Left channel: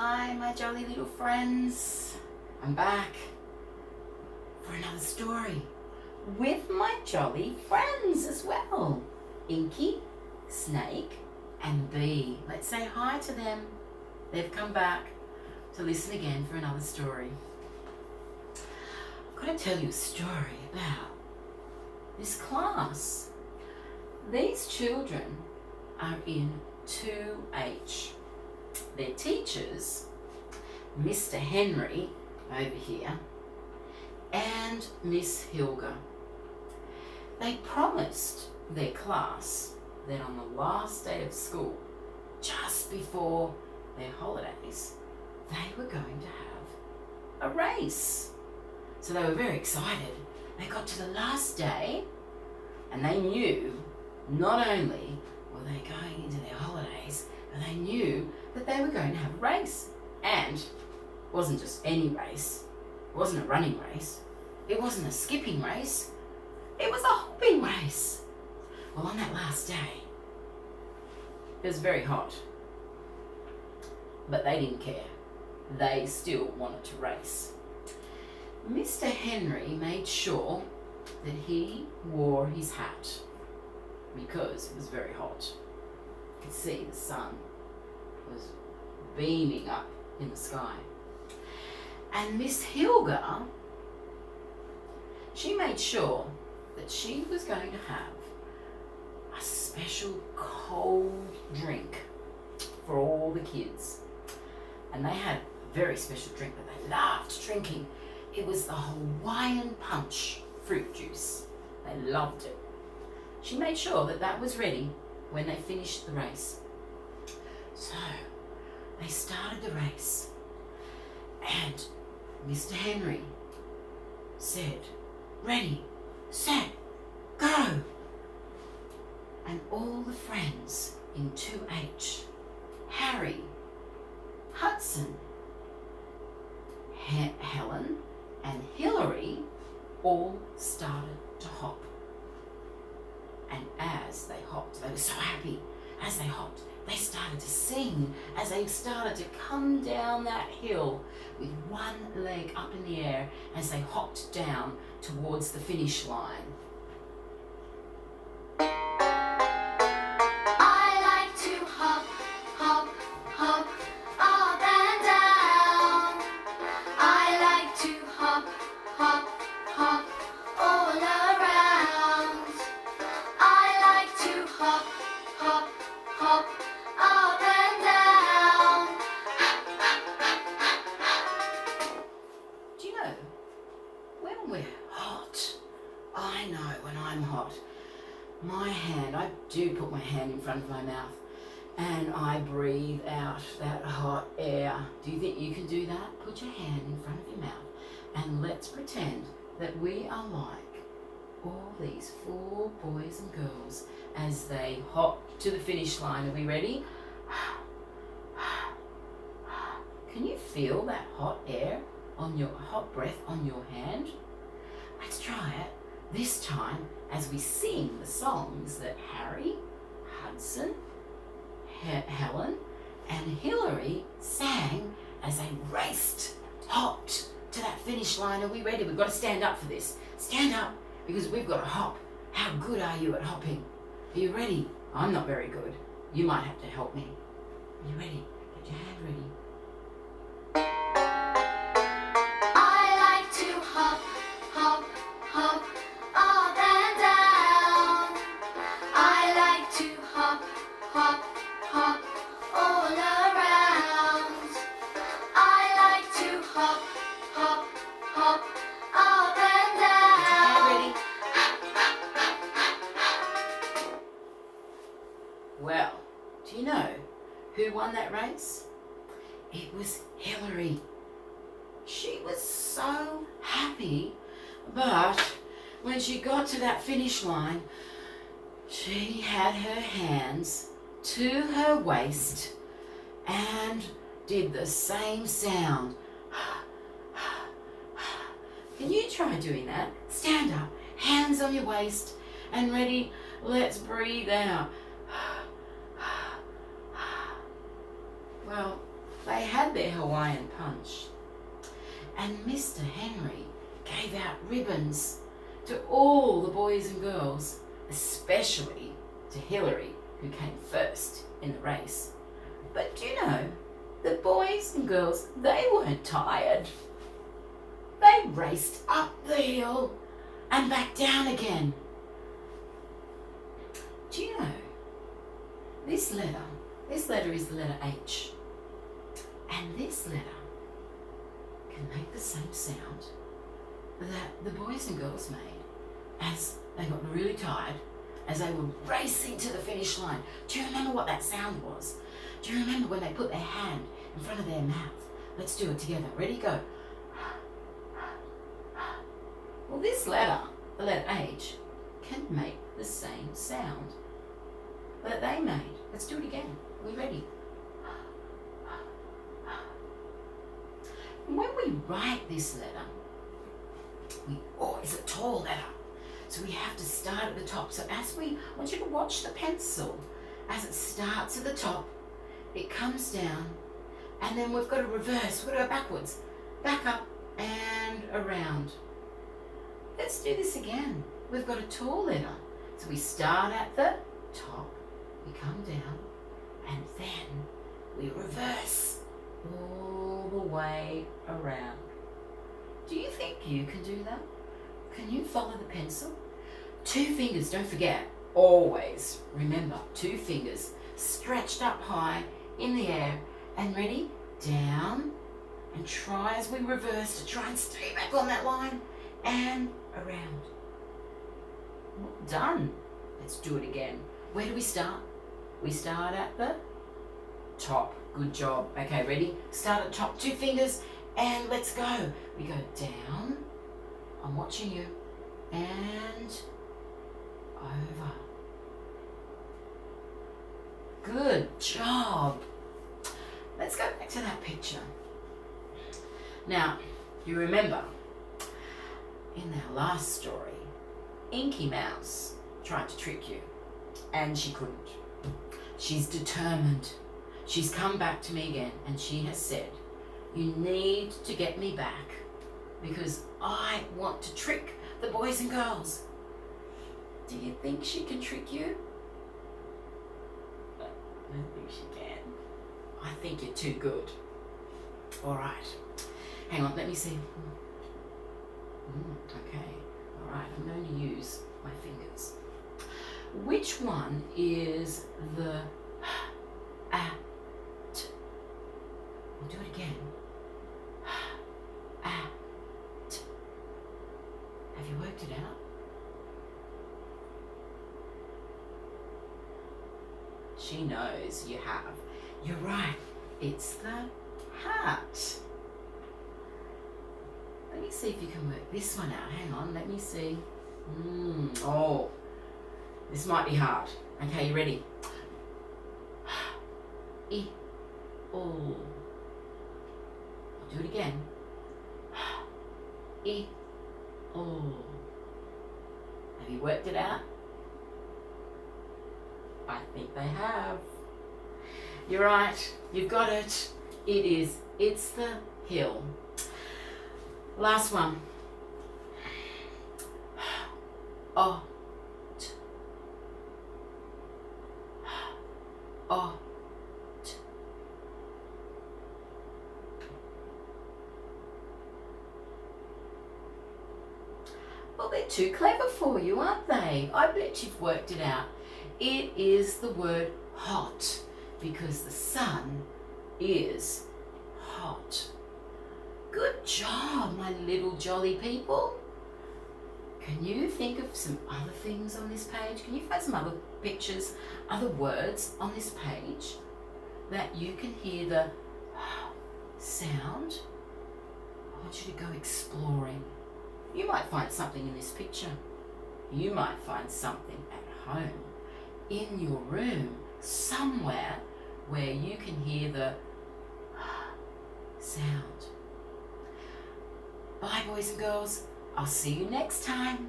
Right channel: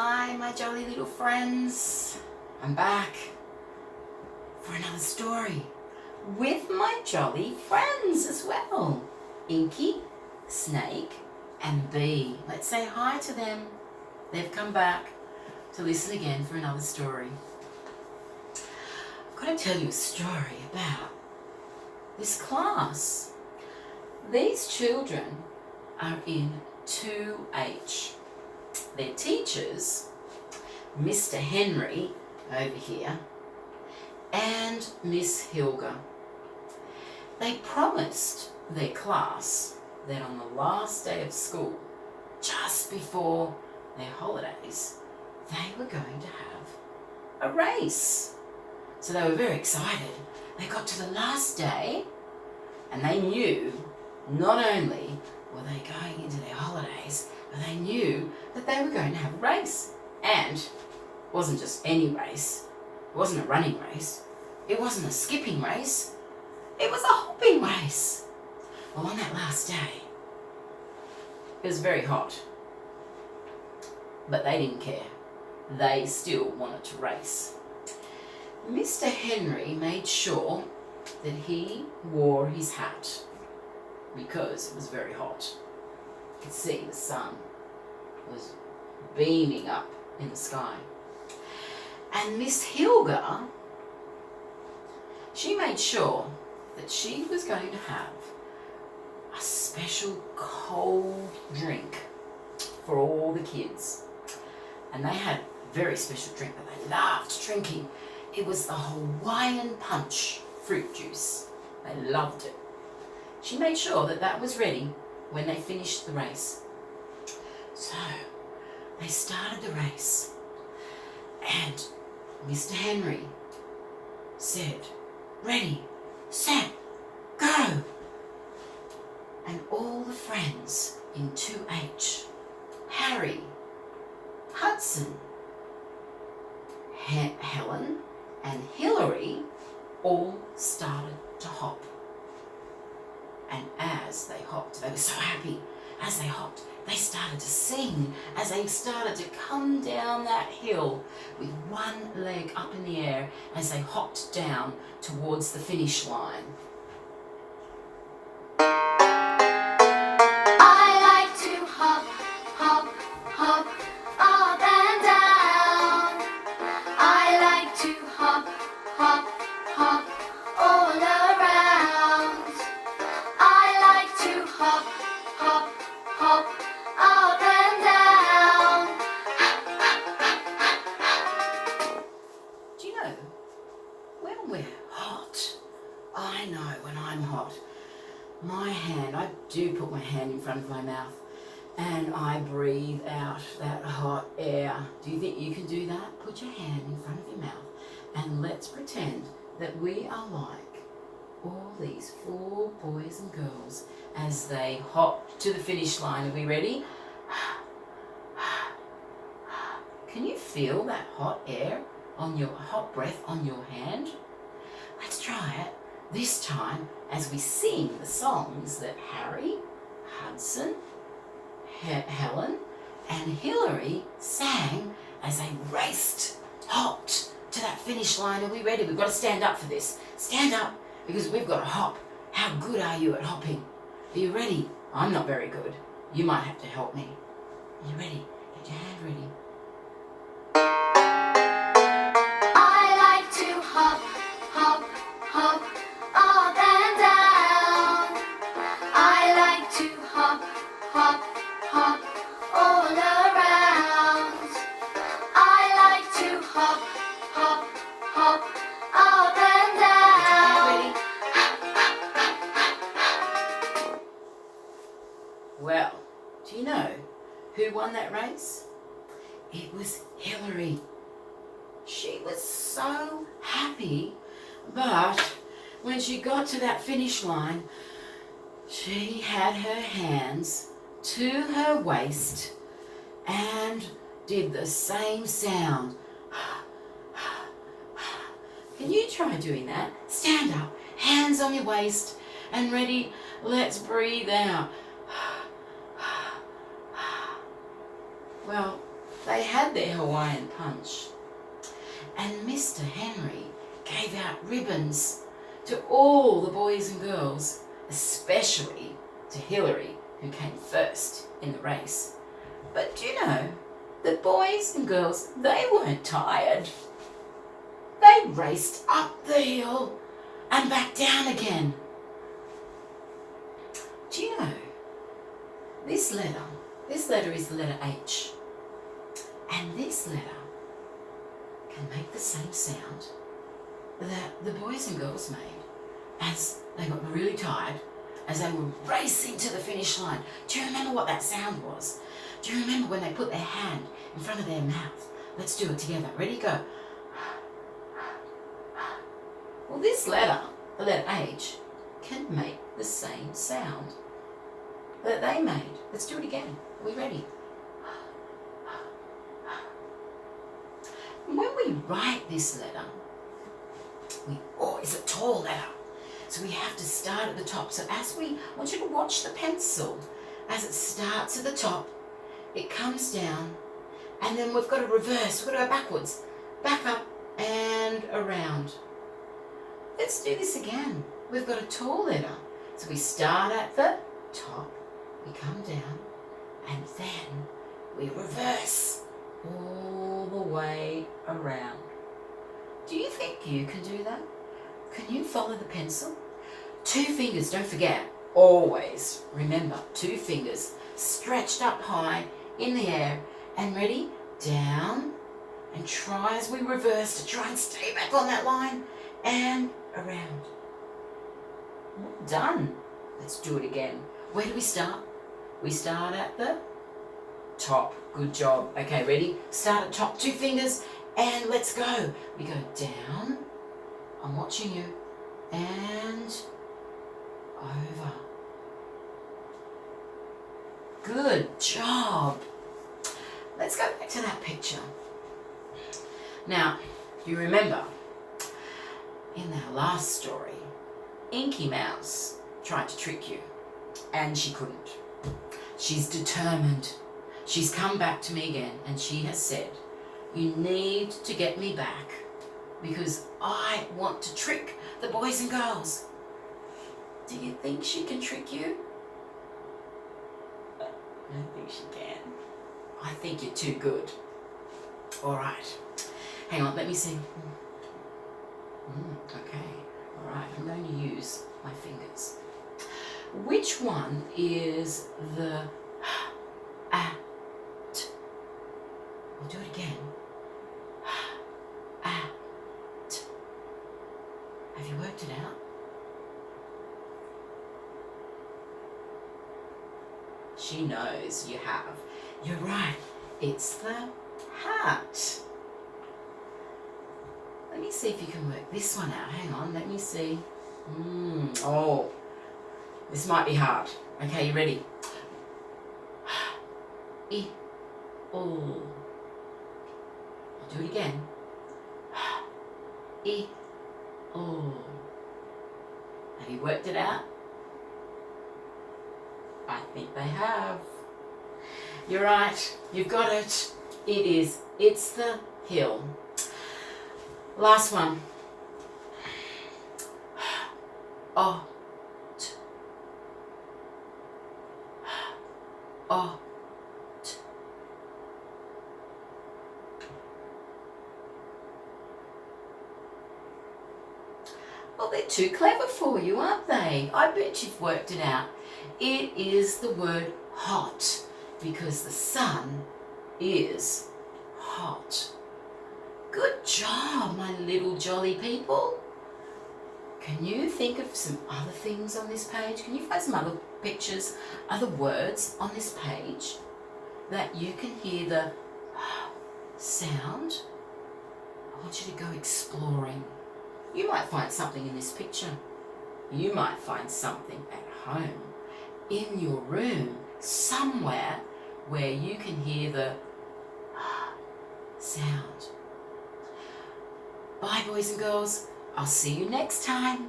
Hi, my jolly little friends. I'm back for another story with my jolly friends as well. Inky, Snake, and Bee. Let's say hi to them. They've come back to listen again for another story. I've got to tell you a story about this class. These children are in 2H. Their teachers, Mr. Henry over here, and Miss Hilga. They promised their class that on the last day of school, just before their holidays, they were going to have a race. So they were very excited. They got to the last day and they knew not only were they going into their holidays, but they knew that they were going to have a race. And it wasn't just any race. It wasn't a running race. It wasn't a skipping race. It was a hopping race. Well, on that last day, it was very hot. But they didn't care. They still wanted to race. Mr. Henry made sure that he wore his hat because it was very hot. You could see the sun was beaming up in the sky. And Miss Hilga, she made sure that she was going to have a special cold drink for all the kids. And they had a very special drink that they loved drinking. It was the Hawaiian punch fruit juice. They loved it. She made sure that that was ready when they finished the race. So they started the race and Mr. Henry said, "Ready, set, go." And all the friends in 2H, Harry, Hudson, Helen and Hillary all started to hop. And as they hopped, they were so happy. As they hopped, they started to sing as they started to come down that hill with one leg up in the air as they hopped down towards the finish line. When we're hot, I know when I'm hot, my hand, I do put my hand in front of my mouth and I breathe out that hot air. Do you think you can do that? Put your hand in front of your mouth and let's pretend that we are like all these 4 boys and girls as they hop to the finish line. Are we ready? Can you feel that hot air on your hot breath on your hand? Let's try it this time as we sing the songs that Harry, Hudson, Helen and Hillary sang as they hopped to that finish line. Are we ready? We've got to stand up for this. Stand up because we've got to hop. How good are you at hopping? Are you ready? I'm not very good. You might have to help me. Are you ready? Get your hand ready. Well, do you know who won that race? It was Hillary. She was so happy, but when she got to that finish line, she had her hands to her waist and did the same sound. Can you try doing that? Stand up, hands on your waist, and ready, let's breathe out. Well, they had their Hawaiian punch. And Mr. Henry gave out ribbons to all the boys and girls, especially to Hillary, who came first in the race. But do you know, the boys and girls, they weren't tired. They raced up the hill and back down again. Do you know, this letter is the letter H. And this letter can make the same sound that the boys and girls made as they got really tired, as they were racing to the finish line. Do you remember what that sound was? Do you remember when they put their hand in front of their mouth? Let's do it together. Ready, go. Well, this letter, the letter H, can make the same sound that they made. Let's do it again. Are we ready? When we write this letter, it's a tall letter, so we have to start at the top. So I want you to watch the pencil. As it starts at the top, it comes down, and then we've got to reverse. We've got to go backwards, back up and around. Let's do this again. We've got a tall letter, so we start at the top, we come down, and then we reverse all the way around. Do you think you can do that? Can you follow the pencil? 2 fingers, don't forget, always remember, 2 fingers stretched up high in the air, and ready, down, and try as we reverse to try and stay back on that line and around. Well done. Let's do it again. Where do we start? We start at the top. Good job. Okay, ready? Start at top, 2 fingers, and let's go. We go down. I'm watching you. And over. Good job. Let's go back to that picture. Now, you remember, in our last story, Inky Mouse tried to trick you, and she couldn't. She's determined. She's come back to me again, and she has said, you need to get me back because I want to trick the boys and girls. Do you think she can trick you? I don't think she can. I think you're too good. All right. Hang on, let me see. Okay. All right, I'm going to use my fingers. Which one is the at? I'll do it again. At. Have you worked it out? She knows you have. You're right. It's the hat. Let me see if you can work this one out. Hang on, let me see. Oh, this might be hard. Okay, you ready? Oh. I'll do it again. Oh. Have you worked it out? I think they have. You're right. You've got it. It's the hill. Last one. Oh. Oh. Well, they're too clever for you, aren't they? I bet you've worked it out. It is the word hot because the sun is hot. Good job, my little jolly people. Can you think of some other things on this page? Can you find some other pictures, other words on this page that you can hear the sound? I want you to go exploring. You might find something in this picture. You might find something at home, in your room, somewhere where you can hear the sound. Bye, boys and girls. I'll see you next time.